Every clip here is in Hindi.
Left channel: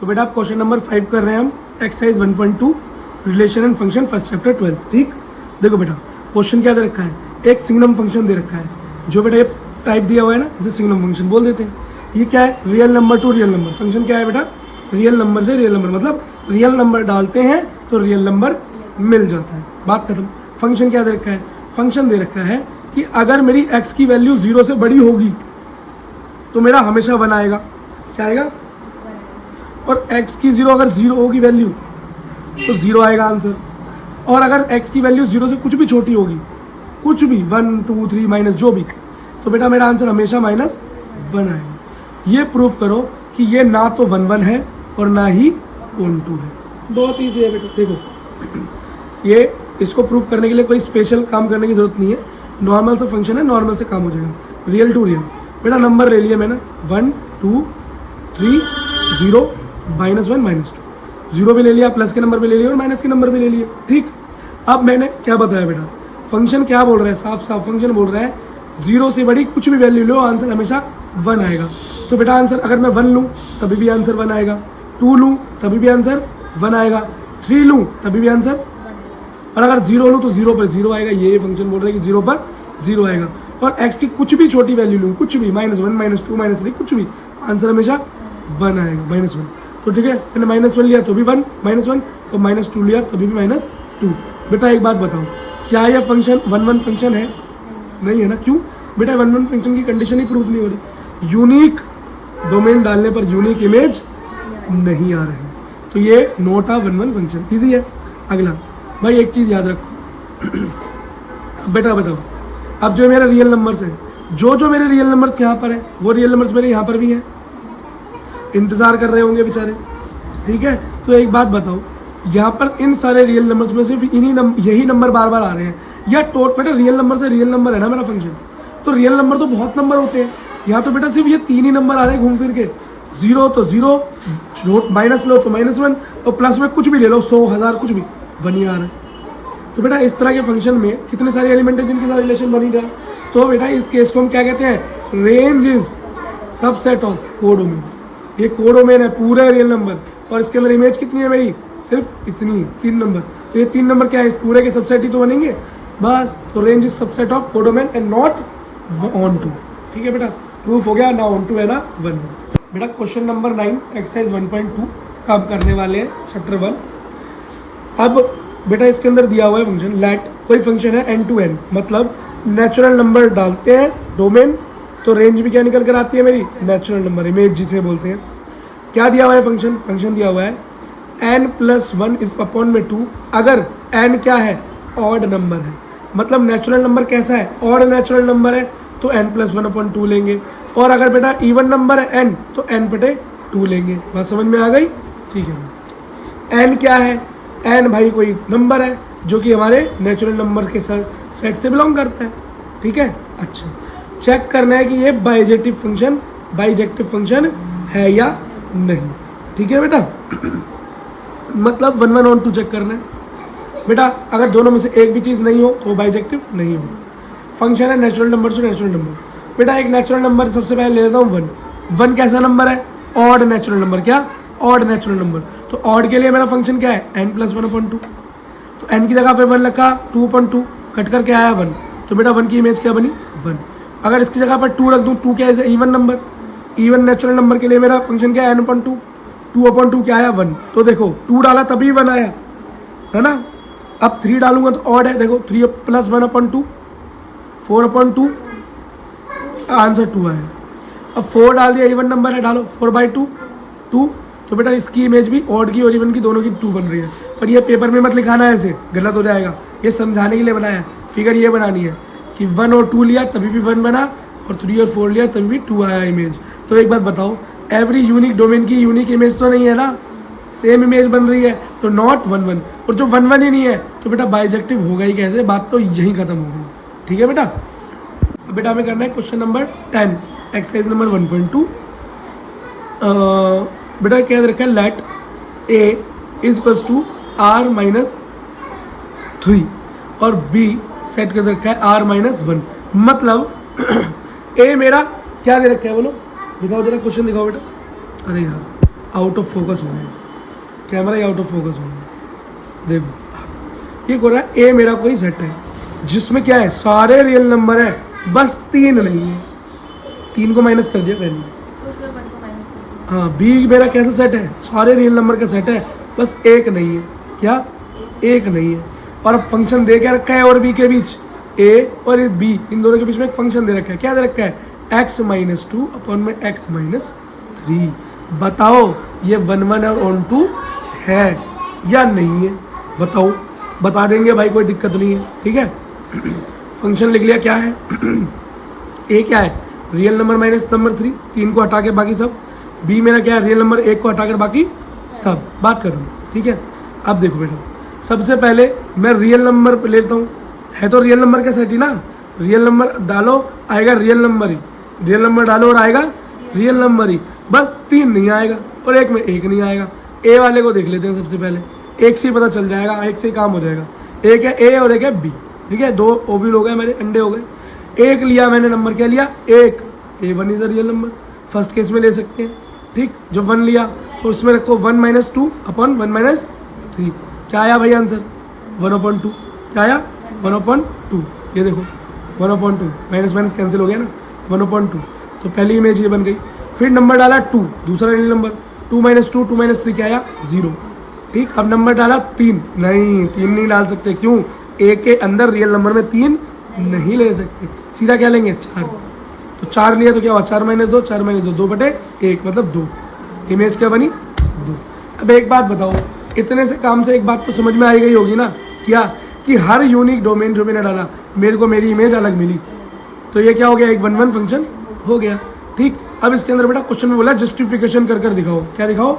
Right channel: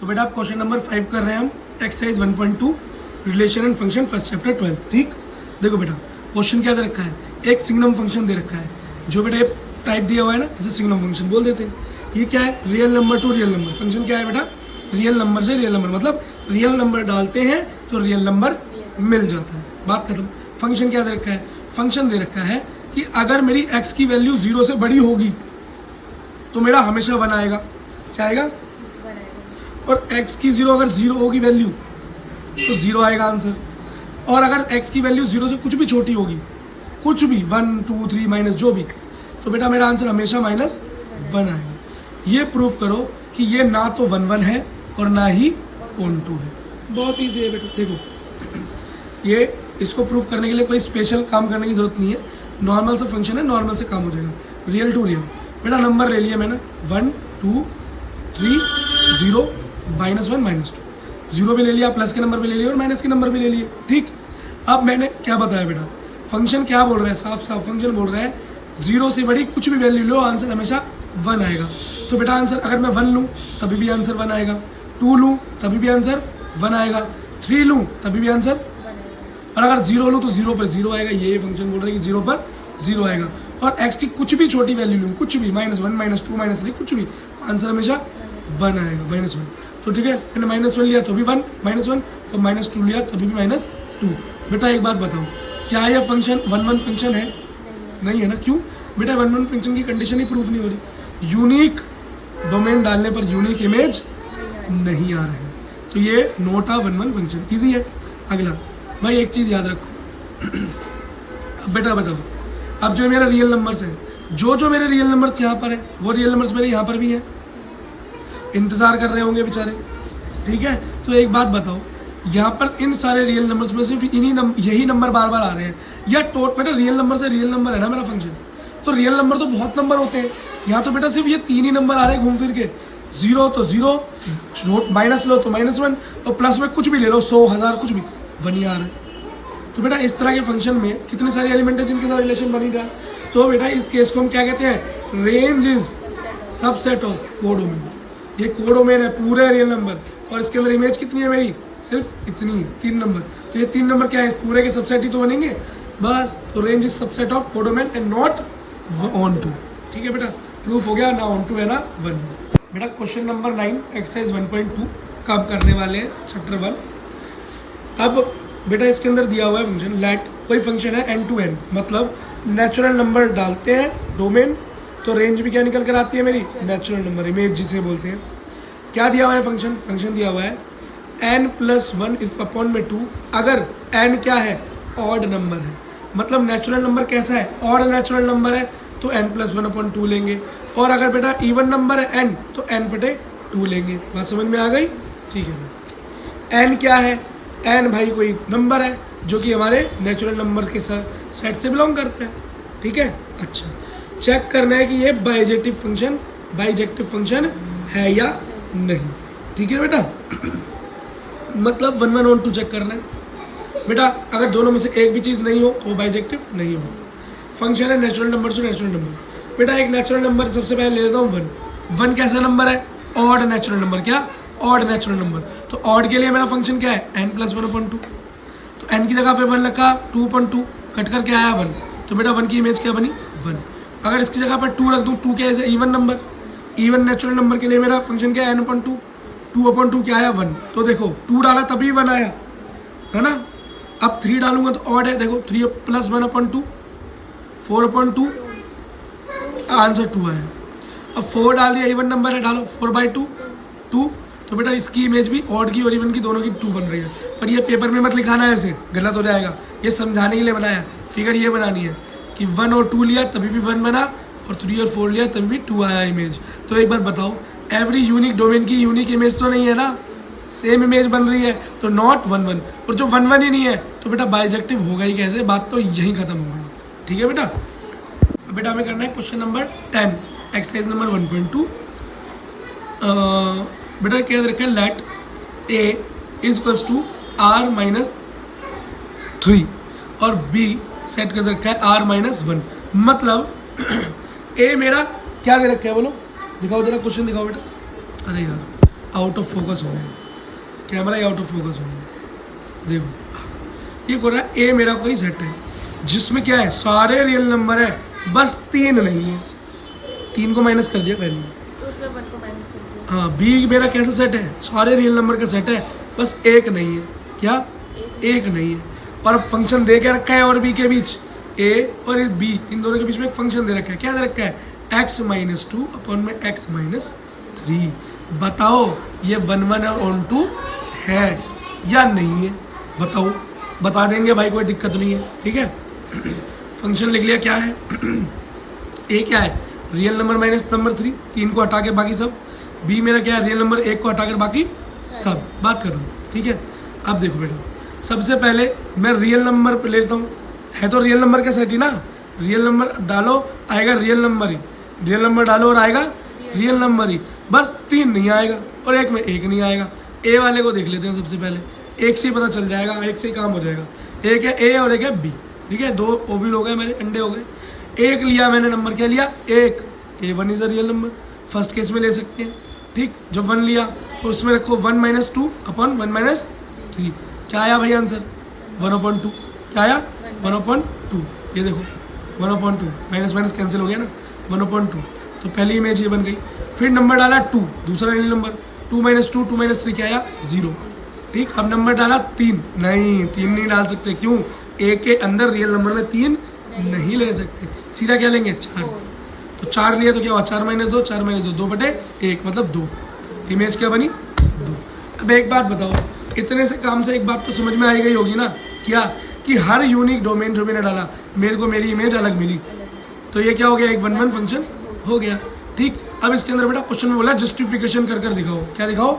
तो बेटा आप क्वेश्चन नंबर 5 कर रहे हैं हम, exercise 1.2 relation and function first chapter 12। ठीक, देखो बेटा क्वेश्चन क्या दे रखा है, एक सिग्नम फंक्शन दे रखा है, जो बेटा ये टाइप दिया हुआ है ना, इसे सिग्नम फंक्शन बोल देते हैं। ये क्या है, real number two real number. Function क्या है बेटा, रियल नंबर से रियल नंबर, मतलब रियल नंबर डालते हैं तो रियल नंबर मिल जाता है, बात खत्म। फंक्शन क्या दे रखा है, फंक्शन दे रखा है कि अगर मेरी x की वैल्यू 0 से बड़ी होगी तो मेरा हमेशा 1 आएगा। क्या आएगा, और x की 0 अगर 0 होगी वैल्यू तो 0 आएगा आंसर। और अगर x की वैल्यू 0 से कुछ भी छोटी होगी, कुछ भी 1 2 3 माइनस जो भी, तो बेटा मेरा आंसर हमेशा -1 आएगा। ये प्रूफ करो कि ये ना तो 1 1 है और ना ही -2 है। बहुत ईजी है बेटा, देखो ये इसको प्रूफ करने के लिए कोई स्पेशल काम करने की जरूरत नहीं है, नॉर्मल से फंक्शन है, नॉर्मल से काम हो जाएगा। रियल टू रियल बेटा नंबर ले लिया मैंने 1 2 3 0 -1 -2, 0 भी ले लिया, प्लस के नंबर भी ले लिए और माइनस के नंबर भी ले लिए। ठीक, अब मैंने क्या बताया बेटा, फंक्शन क्या बोल रहा है, साफ साफ फंक्शन बोल रहा है 0 से बड़ी कुछ भी वैल्यू लो आंसर हमेशा 1 आएगा। तो बेटा आंसर अगर मैं 1 लूँ तभी भी आंसर 1 आएगा, 2 लूँ तभी भी आंसर 1 आएगा, 3 लूँ तभी भी आंसर, और अगर 0 लूँ तो 0 पर 0 आएगा। ये फंक्शन बोल रहा है कि 0 पर 0 आएगा। और x की कुछ भी छोटी वैल्यू लूँ, कुछ भी -1 -2 -3 कुछ भी, आंसर हमेशा 1 आएगा, -1। तो ठीक है, मैंने -1 लिया तो भी 1 -1, तो -2 लिया तभी भी -2। बेटा एक बात बताओ, क्या यह फंक्शन 1 1 फंक्शन है? नहीं है ना। क्यों बेटा, 1 1 फंक्शन की कंडीशन ही प्रूफ नहीं हो रही, यूनिक डोमेन डालने पर यूनिक इमेज नहीं आ रही, तो ये नोट आ 1 1 फंक्शन। ईजी है। अगला भाई एक चीज़ याद रखो अब बेटा बताओ, अब जो मेरा रियल नंबर्स है, जो मेरे रियल नंबर्स यहाँ पर है वो रियल नंबर्स मेरे यहाँ पर भी हैं, इंतज़ार कर रहे होंगे बेचारे। ठीक है, तो एक बात बताओ, यहाँ पर इन सारे रियल नंबर्स में सिर्फ यही नंबर बार बार आ रहे हैं, या बेटा रियल नंबर से रियल नंबर है ना मेरा फंक्शन, तो रियल नंबर तो बहुत नंबर होते हैं, यहाँ तो बेटा सिर्फ ये 3 ही नंबर आ रहे हैं घूम फिर के। 0 तो 0, माइनस लो तो -1, और प्लस में कुछ भी ले लो, 100 1000 कुछ भी 1 ही आ रहा है। तो बेटा इस तरह के फंक्शन में कितने सारे एलिमेंट है जिनके साथ रिलेशन बनी रहा। तो बेटा इस केस को हम क्या कहते हैं, range is subset of codomain. ये कोडोमेन है पूरे रियल नंबर, और इसके अंदर इमेज कितनी है मेरी, सिर्फ इतनी 3 नंबर। तो ये 3 नंबर क्या है, इस पूरे के सबसेट ही तो बनेंगे बस। तो range is subset of codomain and not onto. ठीक है बेटा, प्रूफ हो गया, ना ऑन टू है ना 1। बेटा क्वेश्चन नंबर 9 एक्सरसाइज 1.2 का हम करने वाले हैं चैप्टर 1। अब बेटा इसके अंदर दिया हुआ है फंक्शन लेट, कोई फंक्शन है n to n, मतलब नेचुरल नंबर डालते हैं डोमेन तो रेंज भी क्या निकल कर आती है मेरी, नेचुरल नंबर, इमेज जिसे बोलते हैं। क्या दिया हुआ है फंक्शन, फंक्शन दिया हुआ है n+1 इज अपॉन में 2, अगर n क्या है, ऑड नंबर है, मतलब नेचुरल नंबर कैसा है, ऑड नेचुरल नंबर है, तो n+1/2 लेंगे। और अगर बेटा इवन नंबर है n, तो n/2 लेंगे। बात समझ में आ गई? ठीक है। n क्या है, n भाई कोई नंबर है जो कि हमारे नेचुरल नंबर के सेट से बिलोंग करता है। ठीक है, अच्छा चेक करना है कि ये बाइजेक्टिव फंक्शन है या नहीं। ठीक है बेटा मतलब 1 1 on 2 चेक करना है बेटा। अगर दोनों में से एक भी चीज़ नहीं हो तो वो बाइजेक्टिव नहीं होता। फंक्शन है natural number two natural number. बेटा एक नेचुरल नंबर सबसे पहले ले लेता हूँ 1। 1 कैसा नंबर है, ऑड नेचुरल नंबर। क्या, ऑड नेचुरल नंबर। तो ऑड के लिए मेरा फंक्शन क्या है, n+1/2। तो n की जगह पे 1 रखा, 2/2 कट करके आया 1, तो बेटा 1 की इमेज क्या बनी, 1। अगर इसकी जगह पर 2 रख दूँ, 2 क्या है, even number, even natural number के लिए मेरा फंक्शन क्या है, n/2, 2/2 क्या आया 1। तो देखो 2 डाला तभी 1 आया है ना। अब 3 डालूंगा तो ऑड है, देखो 3 + 1/2 4/2, आंसर 2 आया। अब 4 डाल दिया, इवन नंबर है, डालो 4/2 2, तो बेटा इसकी इमेज भी ऑड की और इवन की दोनों की 2 बन रही है। पर ये पेपर में मत लिखाना है, ऐसे गलत हो जाएगा, ये समझाने के लिए बनाया। फिगर ये बनानी है कि 1 और 2 लिया तभी भी 1 बना, और 3 और 4 लिया तभी भी 2 आया इमेज। तो एक बात बताओ, एवरी यूनिक डोमेन की यूनिक इमेज तो नहीं है ना, सेम इमेज बन रही है, तो नॉट 1 1। और जो 1 1 ही नहीं है तो बेटा बाइजेक्टिव होगा ही कैसे, बात तो यहीं खत्म हो गई। ठीक है बेटा। अब बेटा हमें करना है क्वेश्चन नंबर 10 एक्सरसाइज नंबर 1.2। बेटा क्या रखा है, late a is to r-3 और b सेट कर रखा है r-1। मतलब a मेरा क्या दे रखा है, बोलो दिखाओ जरा, क्वेश्चन दिखाओ बेटा। अरे यार आउट ऑफ फोकस हो गया, camera he out of focus हो गया। देखो ये हो रहा है ए मेरा कोई सेट है जिसमें क्या है, सारे रियल नंबर है, बस 3 नहीं है, 3 को माइनस कर दिया वैल्यू। हाँ बी मेरा कैसा सेट है, सारे रियल नंबर का सेट है, बस एक नहीं है, क्या एक नहीं है। और अब फंक्शन दे के रखा है और बी के बीच, ए और बी इन दोनों के बीच में एक फंक्शन दे रखा है, क्या दे रखा है, x-2 अपॉन में x-3। बताओ ये 1 1 और ऑन टू है या नहीं है, बताओ। बता देंगे भाई, कोई दिक्कत नहीं है, ठीक है। फंक्शन लिख लिया, क्या है ए क्या है, रियल नंबर माइनस नंबर 3, 3 को हटा के बाकी सब। बी मेरा क्या है, रियल नंबर 1 को हटाकर बाकी सब, बात खत्म, ठीक है। अब देखो बेटा, सबसे पहले मैं रियल नंबर पे लेता हूँ, है तो रियल नंबर का सेट ही ना, रियल नंबर डालो आएगा रियल नंबर ही, रियल नंबर डालो और आएगा रियल नंबर ही, बस 3 नहीं आएगा और 1 में 1 नहीं आएगा। ए वाले को देख लेते हैं सबसे पहले, 1 से ही पता चल जाएगा, 1 से ही काम हो जाएगा। एक है ए और एक है बी, ठीक है, 2 ओव्यूल हो गए मेरे, अंडे हो गए। 1 लिया मैंने, नंबर क्या लिया 1, A1 is a real number, first case में ले सकते हैं, ठीक। जब 1 लिया तो उसमें रखो 1 - 2 अपॉन 1 - 3, क्या आया भाई आंसर 1/2, क्या आया 1/2। ये देखो 1/2, माइनस माइनस कैंसिल हो गया ना, 1/2। तो पहली इमेज ये बन गई। फिर नंबर डाला 2, दूसरा रियल नंबर, 2 - 2 2 - 3 क्या आया 0, ठीक। अब नंबर डाला 3, नहीं 3 नहीं डाल सकते, क्यों, ए के अंदर रियल नंबर में 3 नहीं ले सकते, सीधा क्या लेंगे 4। तो 4 लिया तो क्या हुआ 4 - 2 4 - 2 2/1 मतलब 2, इमेज क्या बनी 2। अब एक बात बताओ, इतने से काम से एक बात तो समझ में आई गई होगी ना, क्या कि हर यूनिक डोमेन जो मैंने डाला मेरे को मेरी इमेज अलग मिली, तो ये क्या हो गया, एक 1 1 फंक्शन हो गया, ठीक। अब इसके अंदर बेटा क्वेश्चन में बोला जस्टिफिकेशन कर कर दिखाओ, क्या दिखाओ,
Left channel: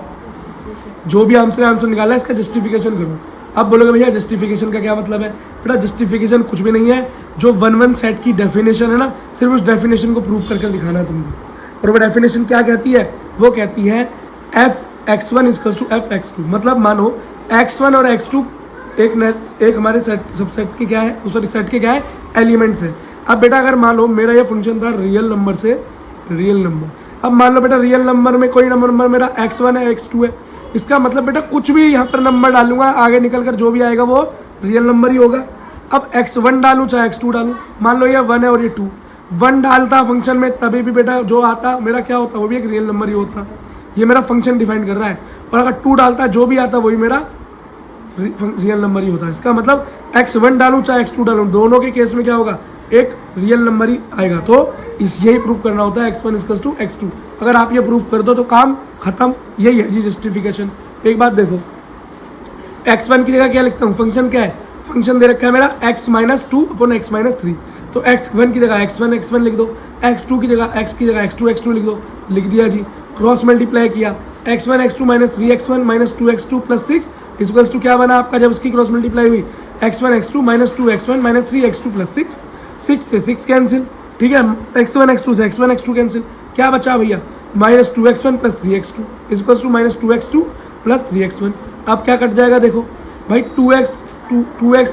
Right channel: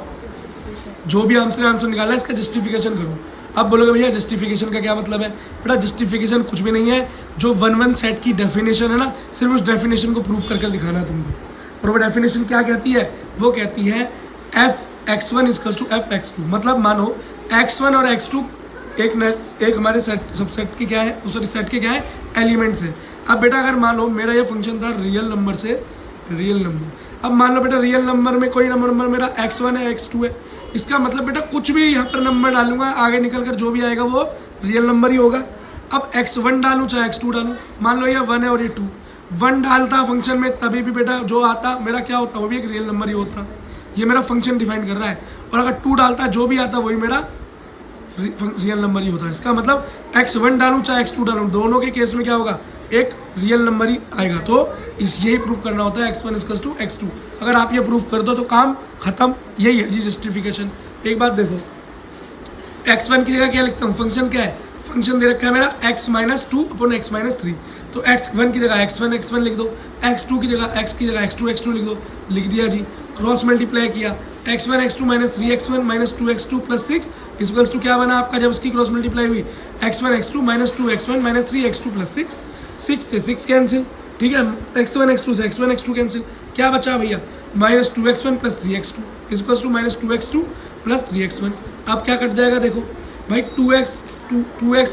जो भी हमसे आंसर निकाला है इसका जस्टिफिकेशन करो। अब बोलोगे भैया जस्टिफिकेशन का क्या मतलब है, बेटा जस्टिफिकेशन कुछ भी नहीं है, जो 1 1 सेट की डेफिनेशन है ना, सिर्फ उस डेफिनेशन को प्रूव कर कर दिखाना है तुमको। और वो डेफिनेशन क्या कहती है, वो कहती है f(x1) = f(x2), मतलब मानो x1 और x2 एक हमारे सेट सबसेट के क्या है, सॉरी सेट के क्या है, एलिमेंट्स है। अब बेटा अगर मान लो मेरा ये फंक्शन था रियल नंबर से रियल नंबर, अब मान लो बेटा रियल नंबर में कोई नंबर मेरा x1 है x2 है, इसका मतलब बेटा कुछ भी यहाँ पर नंबर डालूंगा आगे निकल कर जो भी आएगा वो रियल नंबर ही होगा। अब x1 डालूँ चाहे x2 डालूँ, मान लो ये 1 है और ये 2, 1 डालता फंक्शन में तभी भी बेटा जो आता मेरा क्या होता, वो भी एक रियल नंबर ही होता। ये मेरा फंक्शन डिफाइन कर रहा है, और अगर 2 डालता जो भी आता वही मेरा रियल नंबर ही होता है। इसका मतलब x1 डालूँ चाहे x2 डालूँ, दोनों के केस में क्या होगा, एक रियल नंबर ही आएगा। तो यही प्रूफ करना होता है x1 = x2। अगर आप ये प्रूफ कर दो तो काम खत्म, यही है जी जस्टिफिकेशन। एक बात देखो, x1 की जगह क्या लिखता हूँ, फंक्शन क्या है, फंक्शन दे रखा है मेरा x - 2 अपॉन x - 3, तो x1 की जगह x1 लिख दो, x2 की जगह x2 लिख दो, लिख दिया जी। क्रॉस मल्टीप्लाई किया, x1 x2 - 3x1 - 2x2 + 6 = क्या बना आपका, जब इसकी क्रॉस मल्टीप्लाई हुई x1 x2 - 2x1 - 3x2 + 6, 6 से 6 कैंसिल, ठीक है, x1 x2 से x1 x2 कैंसिल, क्या बचा भैया -2x1 + 3x2 = -2x2 + 3x1। अब क्या कट जाएगा, देखो भाई 2x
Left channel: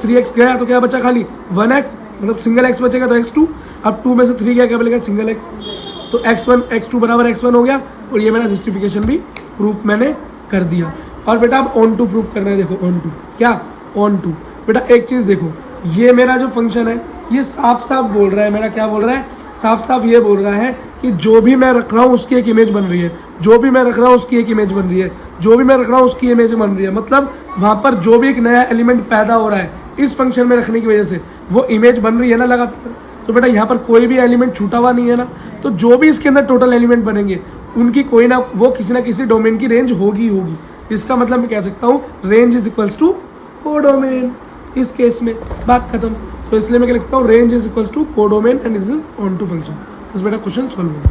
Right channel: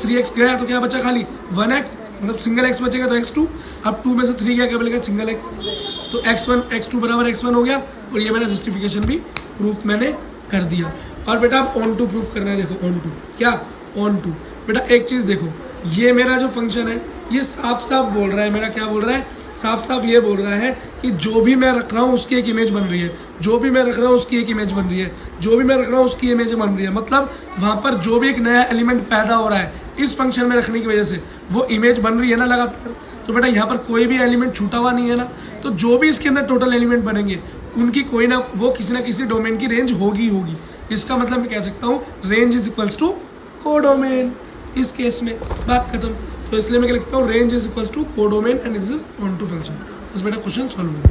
3x गया तो क्या बचा, खाली 1x, मतलब सिंगल x बचेगा तो x2, अब 2 में से 3 गया क्या बचेगा, सिंगल x, तो x1 x2 = x1 हो गया। और ये मेरा जस्टिफिकेशन भी प्रूफ मैंने कर दिया। और बेटा आप ऑन टू प्रूफ कर रहे हैं, देखो ऑन टू, क्या ऑन टू, बेटा एक चीज़ देखो, ये मेरा जो फंक्शन है ये साफ साफ बोल रहा है, मेरा क्या बोल रहा है, साफ साफ ये बोल रहा है कि जो भी मैं रख रहा हूँ उसकी एक इमेज बन रही है, जो भी मैं रख रहा हूँ उसकी एक इमेज बन रही है, जो भी मैं रख रहा हूँ उसकी इमेज बन रही है, मतलब वहाँ पर जो भी एक नया एलिमेंट पैदा हो रहा है इस फंक्शन में रखने की वजह से वो इमेज बन रही है ना लगातार। तो बेटा यहाँ पर कोई भी एलिमेंट छूटा हुआ नहीं है ना, तो जो भी इसके अंदर टोटल एलिमेंट बनेंगे उनकी कोई ना वो किसी ना किसी डोमेन की रेंज होगी। इसका मतलब मैं कह सकता हूँ रेंज = कोडोमेन, इस केस में बात खत्म। तो इसलिए मैं क्या लिखता हूँ, range = codomain and this is onto function. बस बेटा क्वेश्चन सॉल्व हो गया।